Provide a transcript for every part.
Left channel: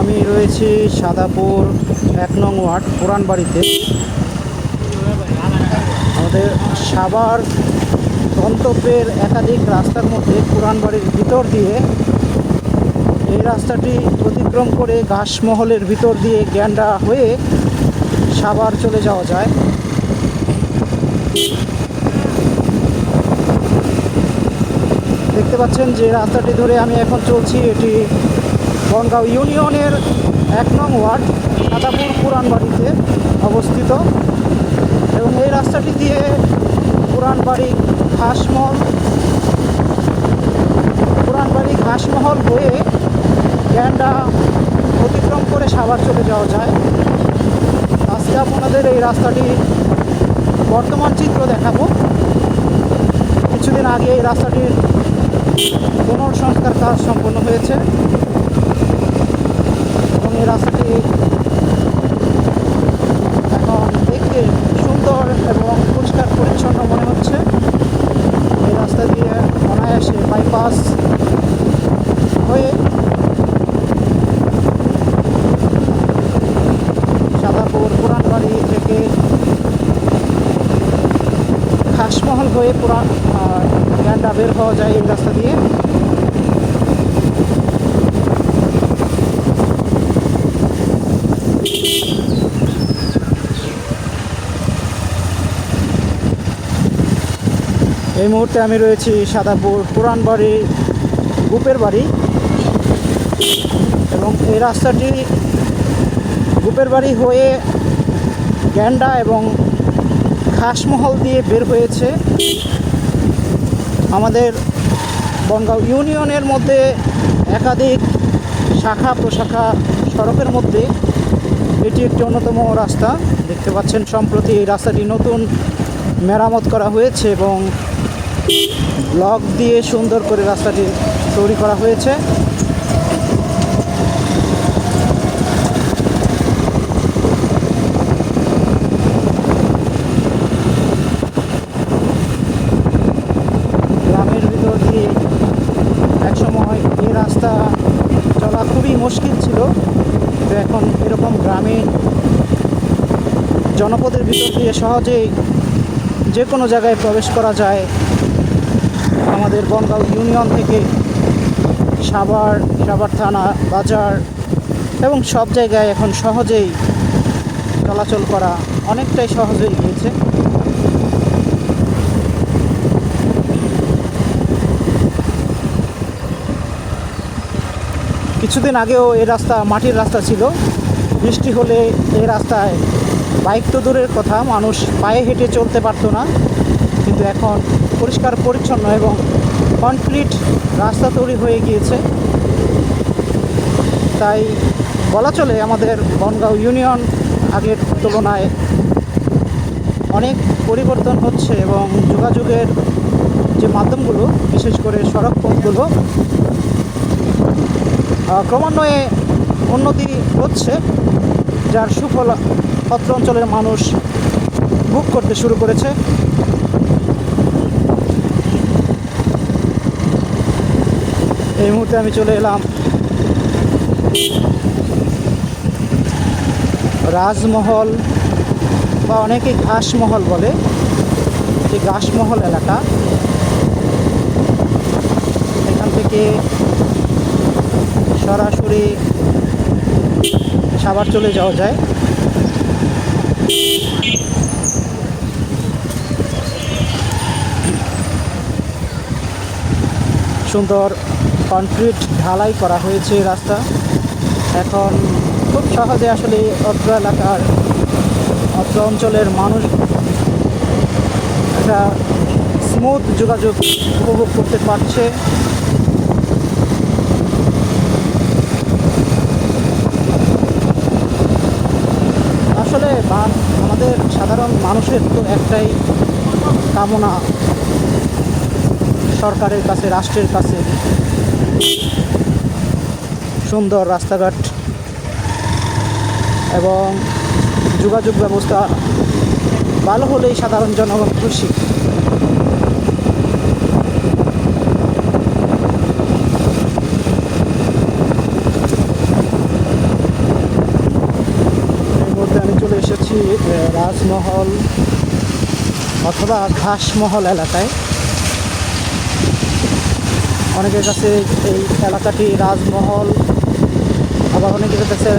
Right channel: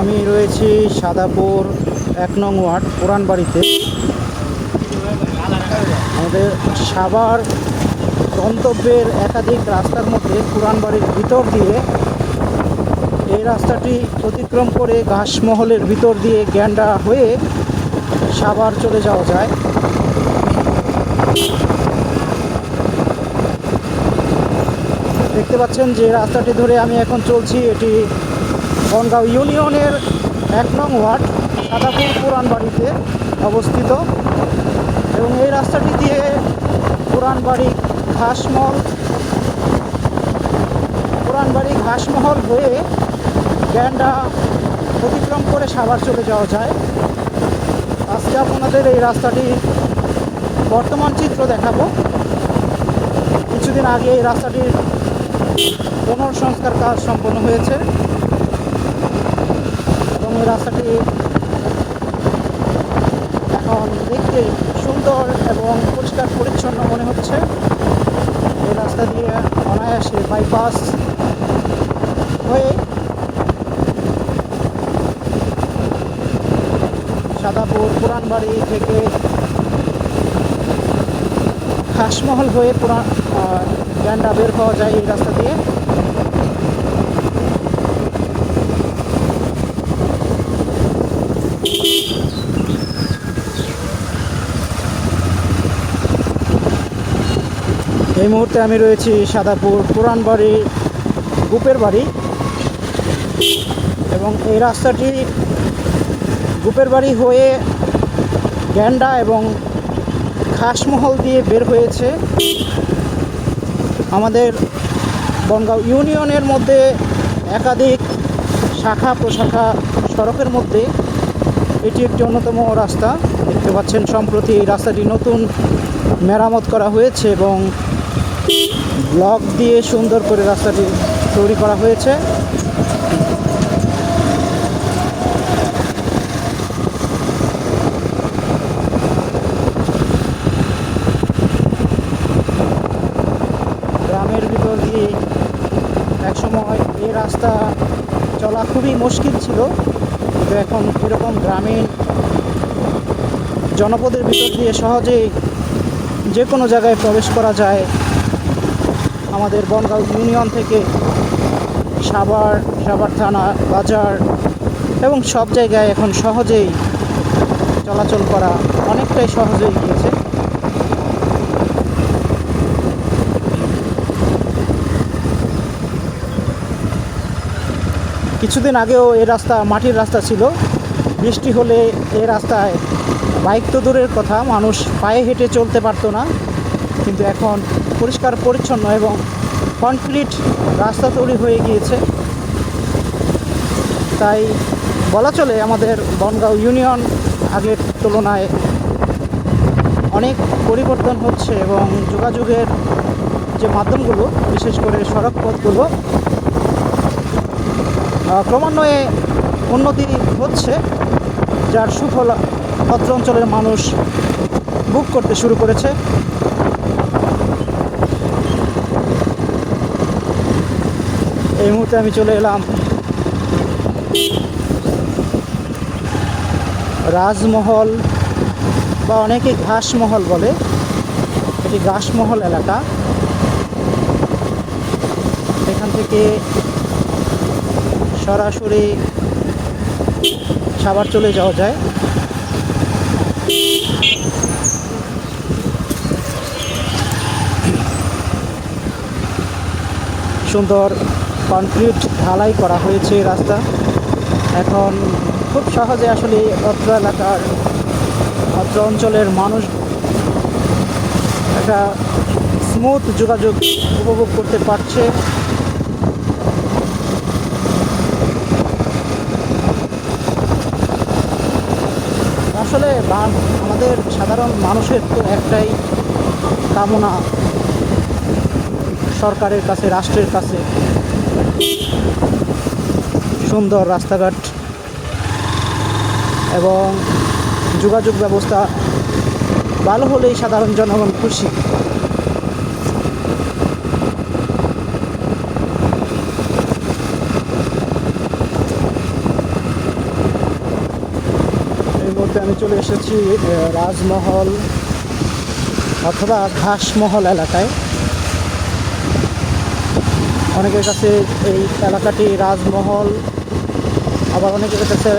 আমি রয়েছি সাদাপুর এক নং ওয়ার্ড পুরান বাড়িতে আমাদের সাভার গন্তব্যের একাধিক রাস্তার মধ্যে পুরান বাড়ির ভিতর দিয়ে এই রাস্তাটি অতিক্রম করে ঘাসমহলের ভিতর দিয়ে গ্যান্ডা হয়ে সাভার চলে যাওয়া যায়। দেখতে পাচ্ছেন যে রাস্তাটি ধরে আমি এখন চলছি, এটি বনগাঁও ইউনিয়নের এক নং ওয়ার্ড, সাদাপুর পুরান বাড়িতে অবস্থিত। এবং এই রাস্তাটি দিয়ে পুরান বাড়ি ঘাসমহল পুরান বাড়ি ঘাসমহল হয়ে গ্যান্ডা অতিক্রম করে সাভার চলে যাওয়া যায়। আজকে আপনাদের এই রাস্তাটি বর্তমান চিত্র দেখাবো। কিছুদিন আগে এই রাস্তাটির পুনর্সংস্কার কাজ সম্পন্ন হয়েছে। এই রাস্তাটি। এখন দেখতে সুন্দর এবং পরিষ্কার পরিচ্ছন্ন মনে হচ্ছে। এই রাস্তা দিয়ে অনায়াসে বাইপাস হয়ে সাদাপুর পুরানবাড়ি থেকে খাসমহল হয়ে পুরান গ্যান্ডা বের হওয়া যায় এই রাস্তা দিয়ে। এই মুহূর্তে আমি রয়েছি সাদাপুর পুরান বাড়ি, গুপের বাড়ি এবং এই রাস্তাটি গুপের বাড়ি হয়ে গ্যান্ডা এবং খাসমহল দিয়ে বের হয়েছে। আমাদের বনগাঁও ইউনিয়নের মধ্যে একাধিক শাখা প্রশাখা সড়কের মধ্যে এটি একটি অন্যতম রাস্তা। দেখতে পাচ্ছেন, সম্প্রতি এই রাস্তাটি নতুন মেরামত করা হয়েছে এবং ব্লক দিয়ে সুন্দর করে রাস্তাটি তৈরি করা হয়েছে। গ্রামের ভিতর দিয়ে একসময় এ রাস্তা চলা খুবই মুশকিল ছিল। কিন্তু এখন এরকম গ্রামীণ জনপদের ভিতর দিয়ে সহজেই যে কোনো জায়গায় প্রবেশ করা যায়। আমাদের বনগাঁও ইউনিয়ন থেকে সাভার সাভার থানা, বাজার এবং সব জায়গায় এখন সহজেই চলাচল করা অনেকটাই সহজ হয়ে গিয়েছে। কিছুদিন আগেও এই রাস্তা মাটির রাস্তা ছিল। বৃষ্টি হলে এই রাস্তায় বাইক তো দূরের কথা, মানুষ পায়ে হেঁটে চলতে পারতো না। কিন্তু এখন পরিষ্কার, পরিচ্ছন্ন এবং কনক্রিট রাস্তা তৈরি হয়ে গিয়েছে। তাই বলা চলে আমাদের বনগাঁও ইউনিয়ন আগের তুলনায় অনেক পরিবর্তন হচ্ছে এবং যোগাযোগের যে মাধ্যমগুলো, বিশেষ করে সড়ক পথগুলো ক্রমান্বয়ে উন্নতি হচ্ছে, যার সুফল অত্র অঞ্চলের মানুষ বুক করতে শুরু করেছে। এই মুহূর্তে আমি চলে এলাম রাজমহল বা অনেকে ঘাসমহল বলে। এটি ঘাসমহল এলাকা। এখান থেকে সরাসরি সাভার চলে যাওয়া যায়। সুন্দর কনক্রিট ঢালাই করা হয়েছে রাস্তা। এখন খুব সহজে আসলে অত্র এলাকার, অত্র অঞ্চলের মানুষ একটা স্মুথ যোগাযোগ উপভোগ করতে পারছে। আসলে আমাদের সাধারণ মানুষের তো একটাই কামনা, সরকারের কাছে, রাষ্ট্রের কাছে। সুন্দর রাস্তাঘাট এবং যোগাযোগ ব্যবস্থা ভালো হলেই সাধারণ জনগণ খুশি। মুহূর্তে আমি চলে এসেছি রাজমহল অথবা ঘাসমহল এলাকায়। অনেকের কাছে এই এলাকাটি রাজমহল, আবার অনেকের কাছে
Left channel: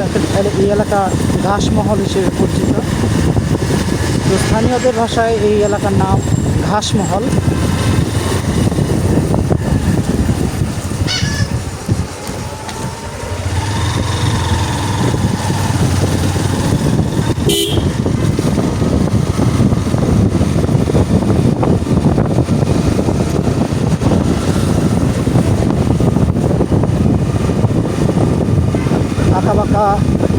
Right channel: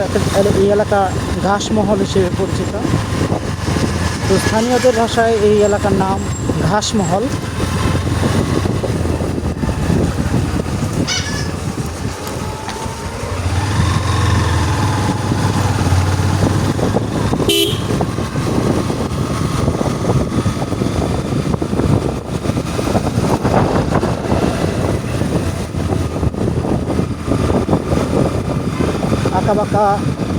এই এলাকা ঘাসমহল হিসেবে পরিচিত। তো স্থানীয়দের ভাষায় এই এলাকার নাম ঘাসমহল। আঁকাবাঁকা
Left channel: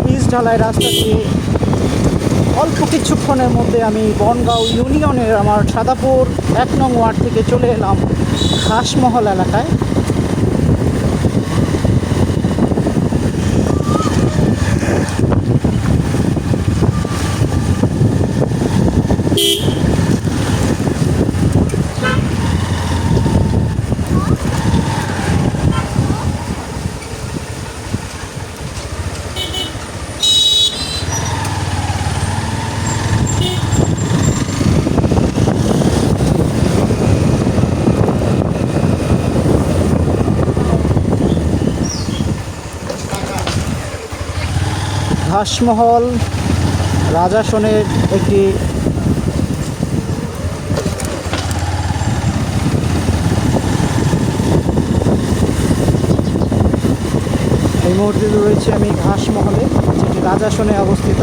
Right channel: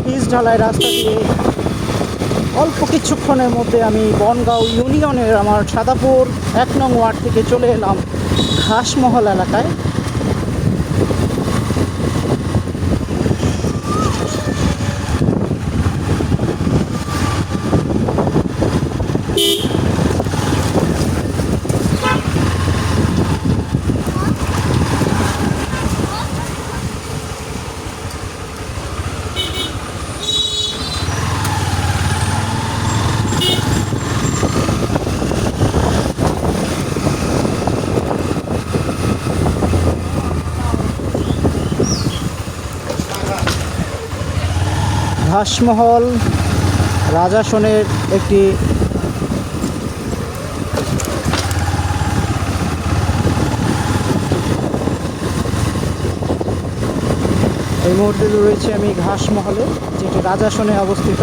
পিচ ঢালাই রাস্তা দিয়ে অল্প কিছুক্ষণের মধ্যে আমি বনগাঁও ইউনিয়নের আমার সাদাপুর এক নং ওয়ার্ড থেকে চলে এলাম ঘাসমহল এলাকায়। ঘাসমহল রাজাসনের একটি এই মুহূর্তে রয়েছে আমি ঘাসমহলে যেটি রাজাসনে অবস্থিত।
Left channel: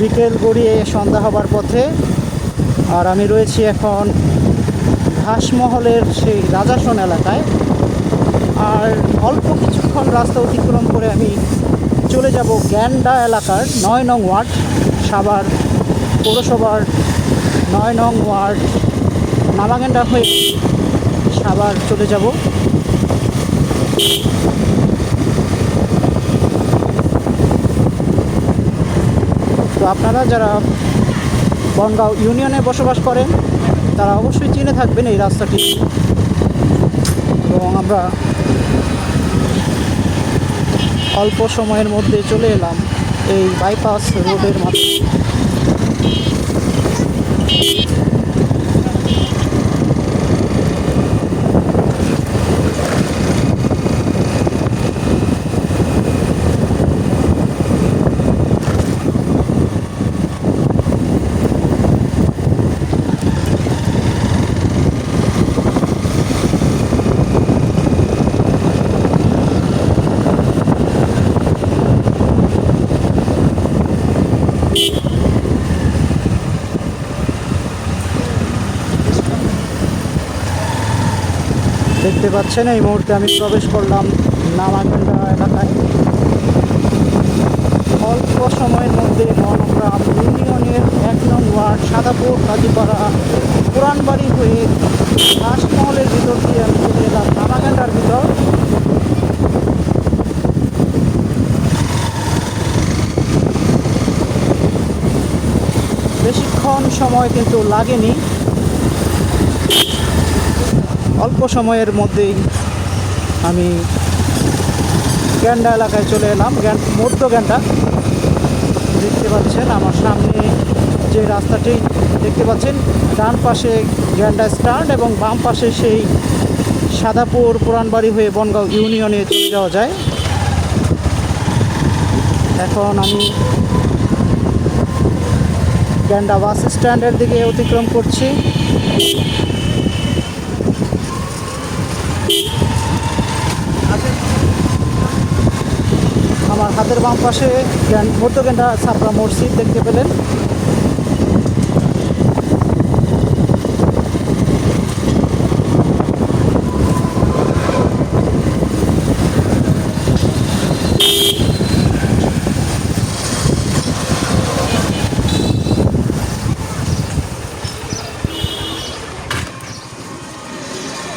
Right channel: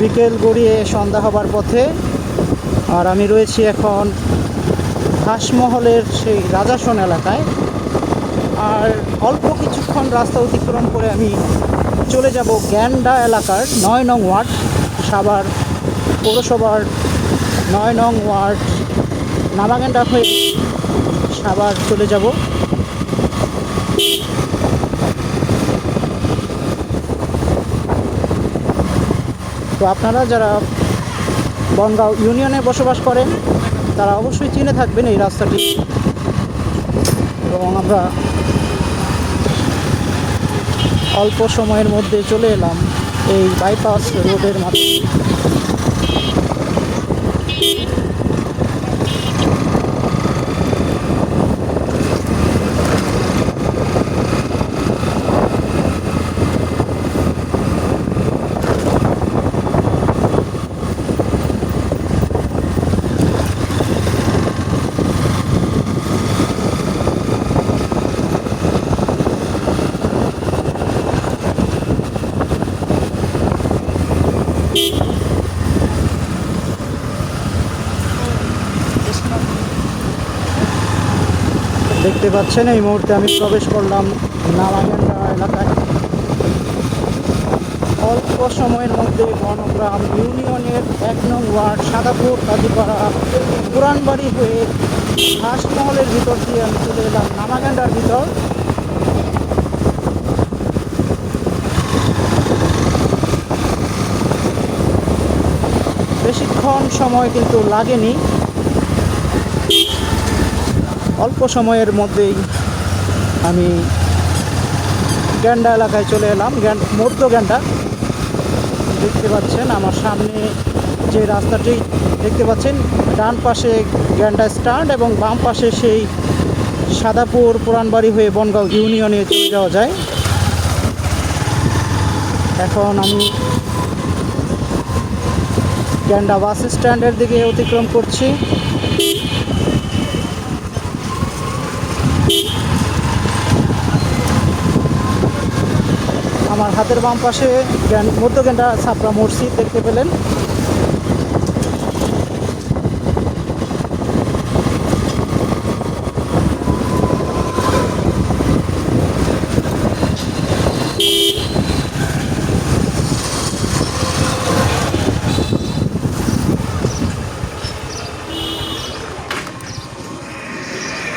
বিকেল গড়িয়ে সন্ধ্যা হবার পথে আর আমি রয়েছি এখন ঘাসমহলের সেই রাজাসন এলাকায়। আর অল্প কিছুক্ষণ রাস্তা অতিক্রম করে আমি চলে যাব গ্যান্ডা এলাকার নয় নং ওয়ার্ড সাভার পৌরসভার নয় নং ওয়ার্ড নামাগেন্ডা হয়ে সাভার চলে যাব। তো আপনারা যারা বনগাঁও ইউনিয়নে বসবাস করেন, তারা অবশ্যই চিনে থাকবেন এই রাস্তাটি। এবং আমরা অল্প সময়ের মধ্যে চলে এলাম এই বাইপাস রোডের মাধ্যমে। দেখতে পাচ্ছেন, এই মুহূর্তে আমি প্রবেশ করলাম নামাগেন্ডা এলাকায়। অল্প সময়ের মধ্যে বনগ্রাম ইউনিয়নের এক নং ওয়ার্ড, সাদাপুর, কাজীপাড়া, পুরানবাড়ি হয়ে ঘাসমহলের ভিতর দিয়ে আমি চলে এলাম নামাগেন্ডার ভিতর। বেশিক্ষণ সময় কিন্তু লাগেনি। অল্প সময়ের মধ্যেই আমি গ্যান্ডা এলাকায় চলে এলাম। গ্যান, মধ্য গ্যান্ডা। দেখতে পাচ্ছেন আমার সামনে যে রাস্তাটি, দেখতে পাচ্ছেন ডান পাশে গ্যান্ডা স্ট্যান্ড এবং বাম পাশে সেই সাদাপুর পুরানবাড়ি হয়ে বনগাঁও ইউনিয়নে চলে যাওয়া যায়। এখন আমি গ্যান্ডা বাস স্ট্যান্ডের দিকে অতিক্রম করছি। আমার হাতের বাম পাশে মধ্যজ্ঞানটা ছাপড়া মসজিদ দেখতে পেলেন।